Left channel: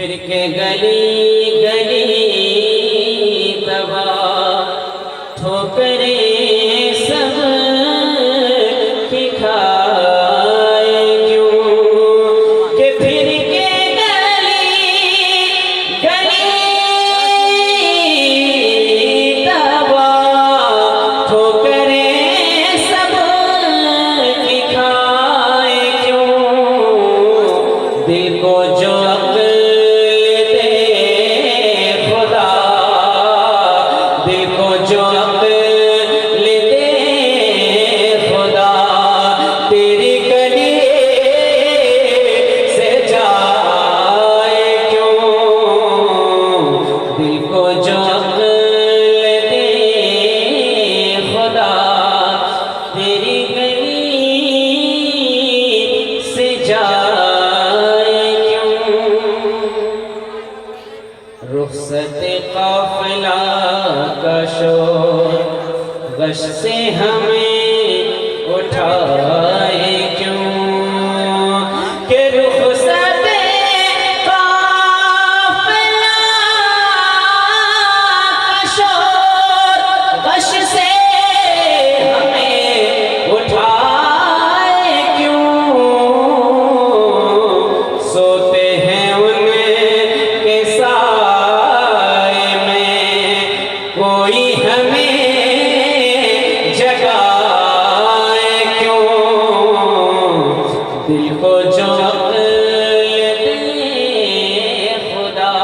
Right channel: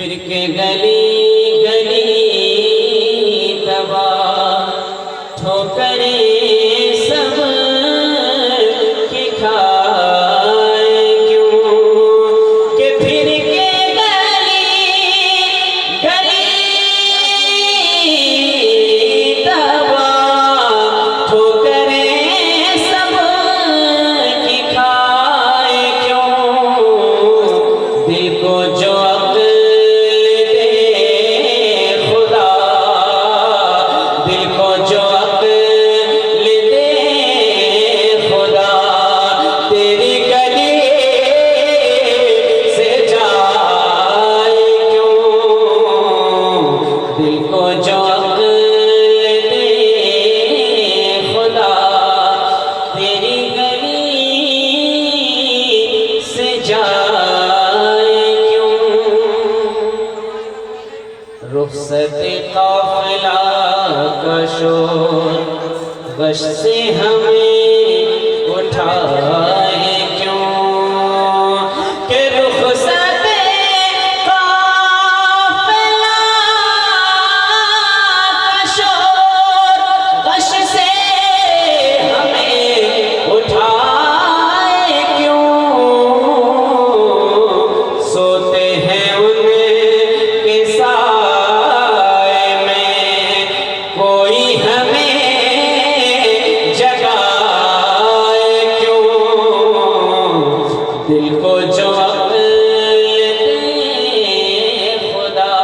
پھر کے گلی گلی تباہ ٹھوکریں سب کی کھائے کیوں کہ پھر کے گلی گلی تباہ ٹھوکریں سب کی کھائے کیوں دل کو جو رخصت قافلہ کا شور غش سے ہمیں اٹھائے کیوں کہ رخصت قافلہ کا شور غش سے ہمیں اٹھائے کیوں سوتے ہیں ان کے ساتھ دل کو جو عقل دے خدا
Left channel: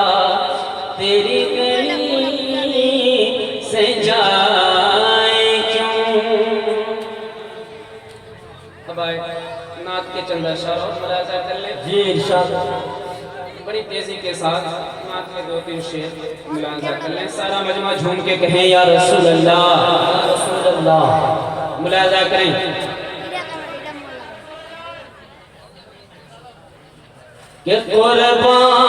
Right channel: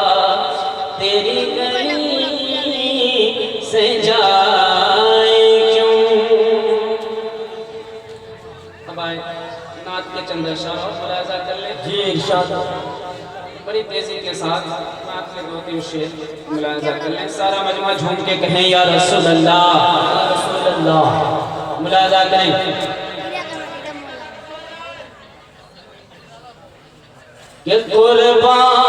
تیری گلی سے جائے کیوں. اب آئے نعت کے چند اشعار اور ملاحظہ کر لیں. جی ارشاد. بڑی تیزی کے ساتھ نعت کے 2-3 شعر ملاحظہ کر لیں. سارا مجمع جھوم کے کہیں یا رسول اللہ یا رسول اللہ. ملاحظہ کریں. کہ قربان